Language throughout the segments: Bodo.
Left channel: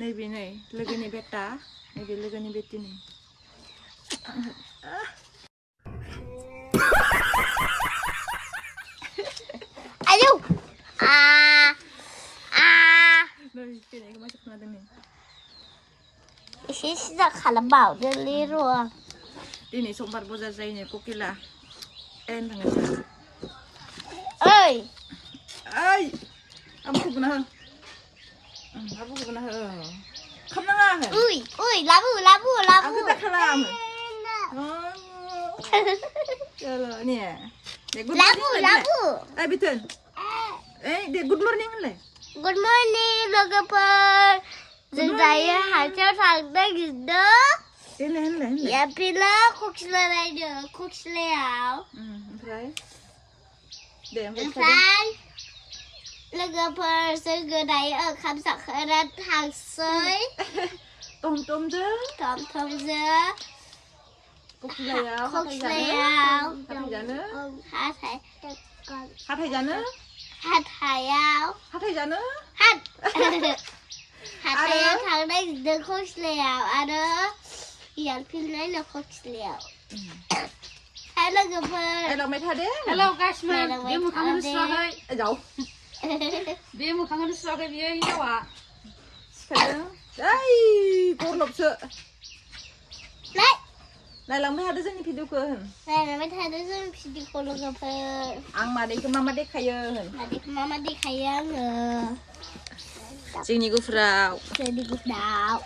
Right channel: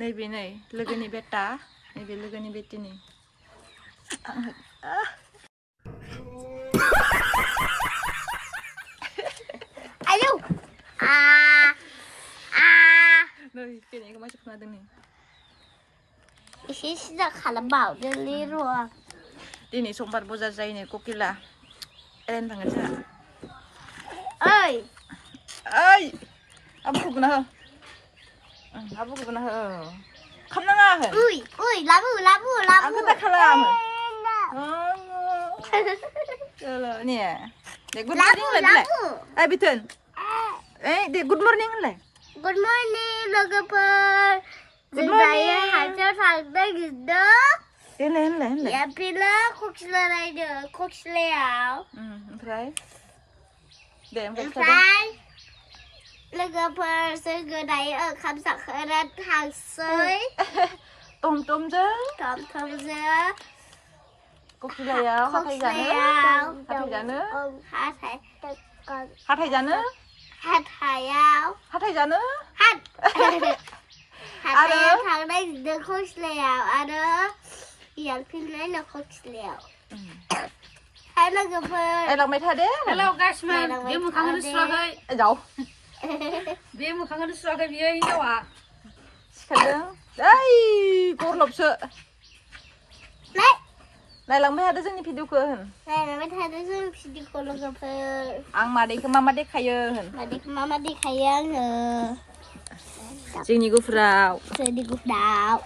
Naibe नै लोगोनि बेटा नैबे लोगोनि बेटिनि Aduh. नै फैनायखौ मानसि खोनादों नै एसे सिदा खालामबावदो लिरु दिनै समबार बजार जायोनो ककिला एरायनो थांगोन जोंहा ओइ ओइ आबुखौ बुना हो आबुखौ बुना हो खामनाङा हो uy labu aku tak kalam Kalau ni dek good morning lah eh betul dek good morning lah good morning logoper saya hajar harga gitu Enlah ya bila koksler aja koksler Ompray dek Ompray logoper segedaya kamsak kerat hangsoi tom je tom je Kokilaya Hathai jano Hathai jano Hathaya thằng đừng khóc lèo đó giờ phim lấy là khóc lèo hello girl lòng mày thật đấy Hello guys man dia mau kangen sebagai jauh dia mau kangen sebagai dia ini wa đây cô lộc sợ đấy này lòng mày ada sini video ke này là mấy thằng đó xem video cô lộc girl ang mà đây ke mama dek kaya tadi mama đi khai nữa sini gue frau đi gục đạo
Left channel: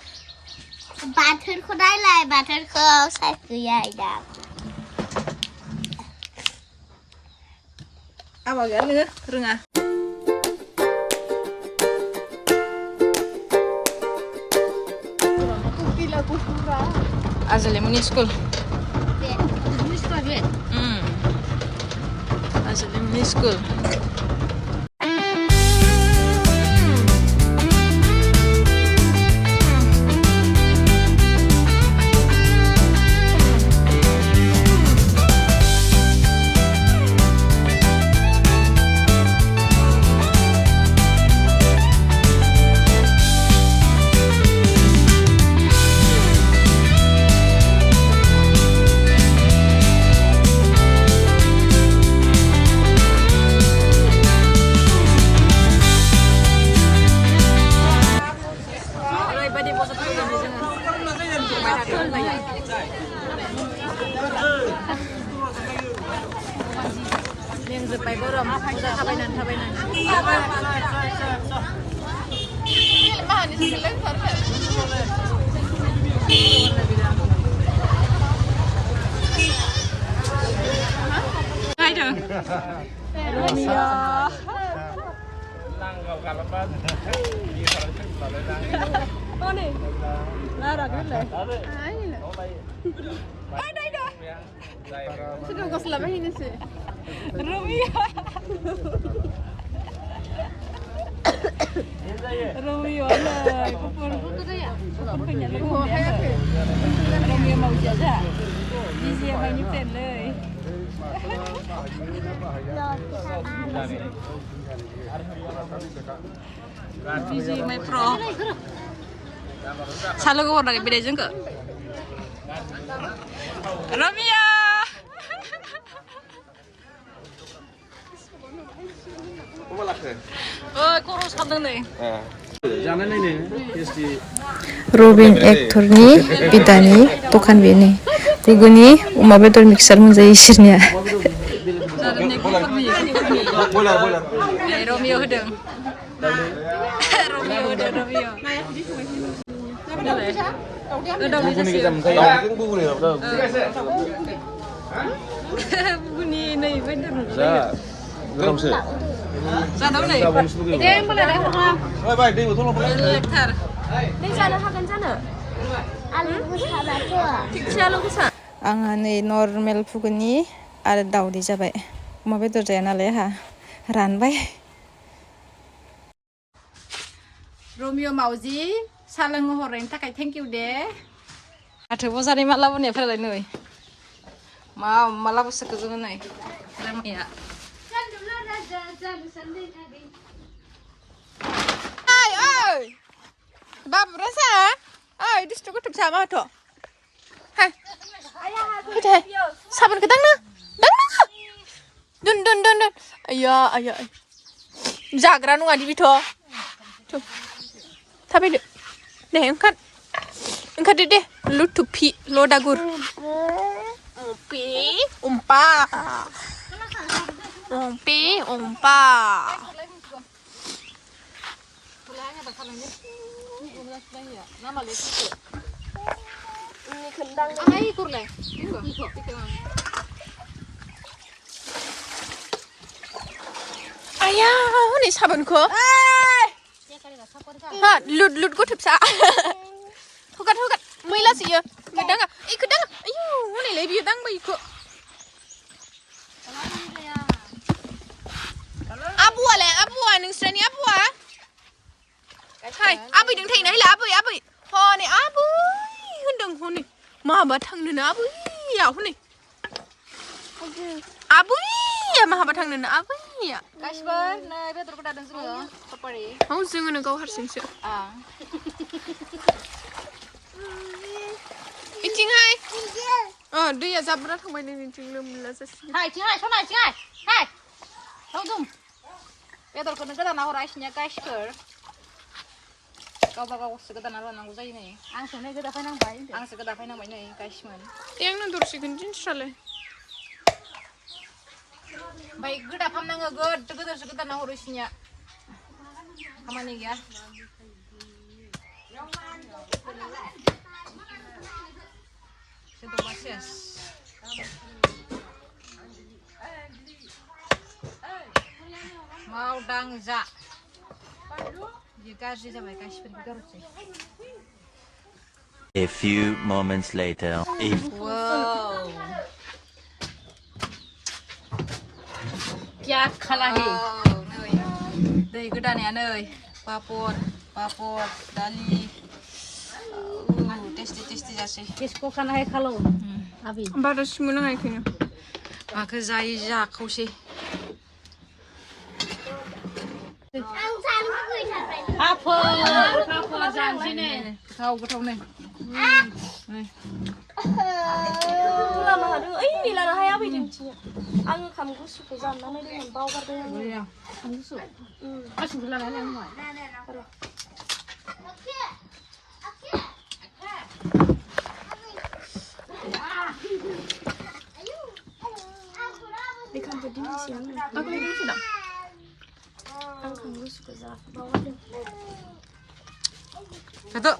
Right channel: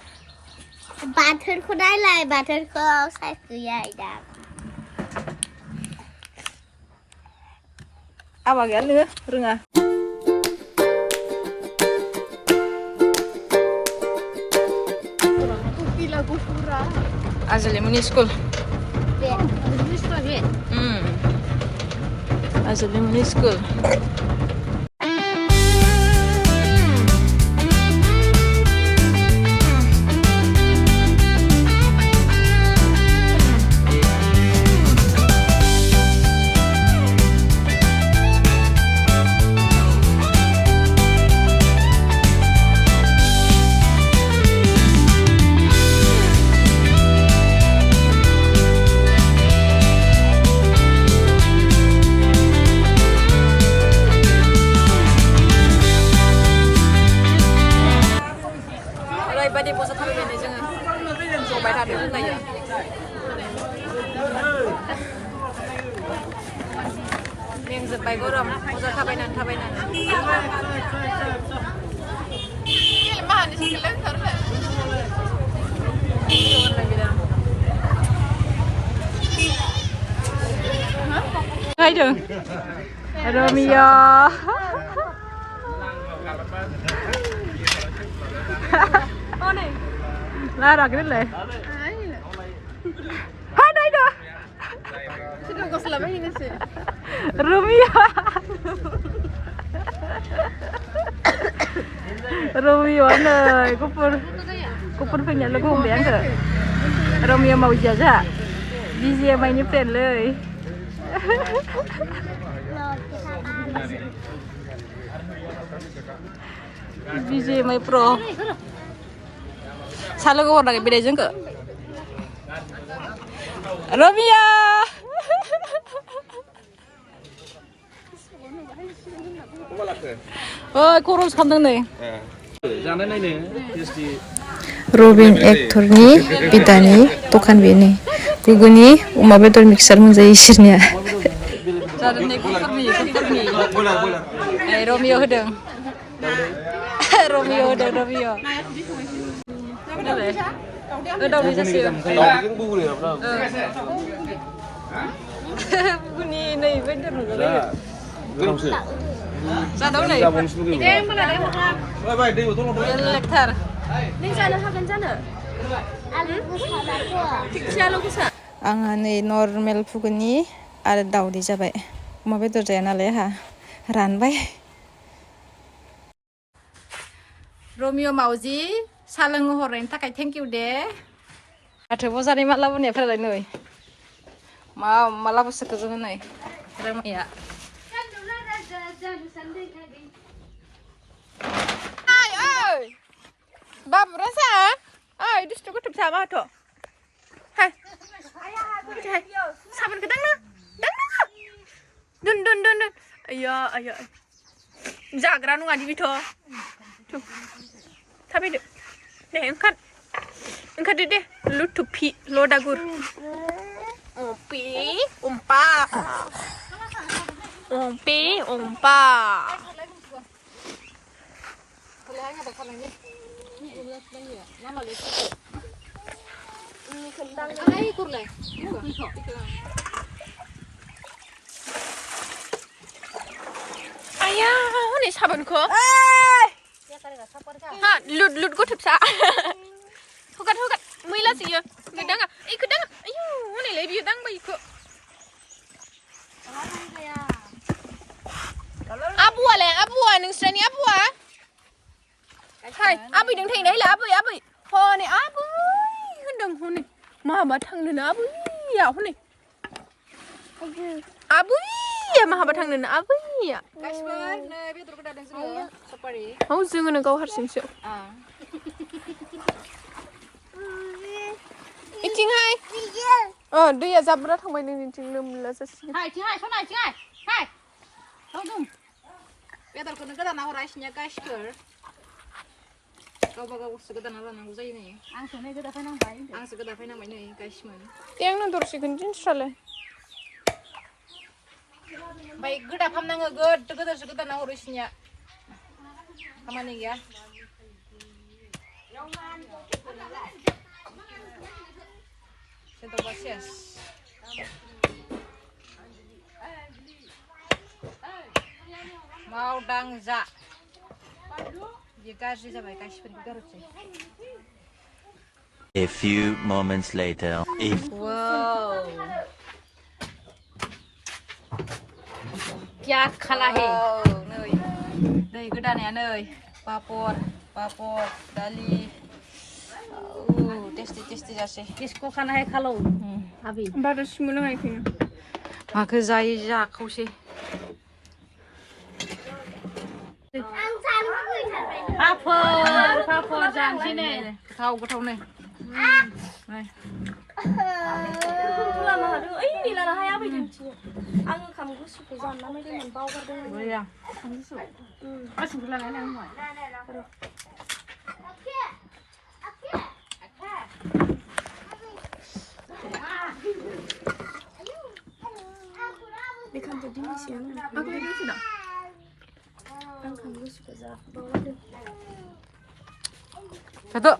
bản thân cô đấy lại bản thân cô sai cứ vậy đó apa gak nih renga Azali muni school Azali muni school Badi posa tahu ini jangan coba ada dulu ya. Ni yang sepai goram posa tabainan. Ini lemah ni silen sarve. Itu lagi dah. Hai dong. Romeo. Lara cái này. Đây đó. Sudah kau selama ini sih. Romeo. Romeo ơi, kupur punya lagu yang ke? Romeo mau jaga. DJ main nyepten leh. DJ main pro. Salah kau orang beda juga. Romeo. Oh, kurus kandung nih. Robin aktorni bidani tokan bini. Guguni uma betul mixer menjadi isirnya. Romeo hedeng. Romeo. Udah bisa sih. Bunyi nih bener loh. Ra đâu này? Em bên này không? Ôi bài đi của thuốc lông. Lektar. Đi ra nó happen sana. Ang नै normal fugni आरो दावदै जाबाय अमा बेदर जाया नालाय हा रानबाय रमियो मावजि सा लोंहो हरनायनि थाखाय थेंक इउ दे माथो बजारनि माला बुनायफोरालाय नै माला बुसोखो जोङो नै Ramaiah Babu rasa? Ah, itu sudah kutuk sama tuh. Hah? Itu he. Sabun ke dang na? Dun. Ayah. Jagra nunggu di bito. Tuh. Tapi deh. Engkat deh. Lu tupi lo dagur. Umpa. Ayah, ini sabunku. Ha, lut gue sa. Hukat. Mila sih ya. Kedang. Ayo, ini lebih dang bayiku. Abu nungsrani abu. Hai, abu đừng thấy đấy là abu. Ho này abu. Đừng ho này. Mà bà thằng nữa abu. Ya ho này. Abu. Ya mà bà thằng nữa abu ya. Kasper, nah dia terus kadang juga. Separi. Mau jangan kau harus Ah. Icing hai. Dia zabra thằng bên này icing nằm là sao? Hai, cing hai. Tahu dong. Dia terus kadang nah orangnya Kasper. Kau sekedar nang uzai nih. Ang sekedar fai nang bai nih Kasman. Yang nanti terus ikan salah. Baik, gede apa nang sekedar nang urusnya. Kamane ya? Sedo basias. Mau dangza. Dia kasih sampai kasih pergi sih. A few moments later. Wow. Kya khalahi. Nơi. Đây cái đàn này nơi. Papor, dali. Tasty jase. Kisko khana hai khalo. Abi. Baru semua nak kena. Aku zai ja kau sih. Ang san ko thật vậy. Papa jang sini. Kau kau nih. Này. Ini lah hai abi jeng. Ang kamu suka jam mana ni bawa pada. Boleh ya. Kamu suka. Asyik bulan ni ang mai. Dekan tadi siang. Aku ini sudah. Ang kamu suka jam bawa pada. Satu.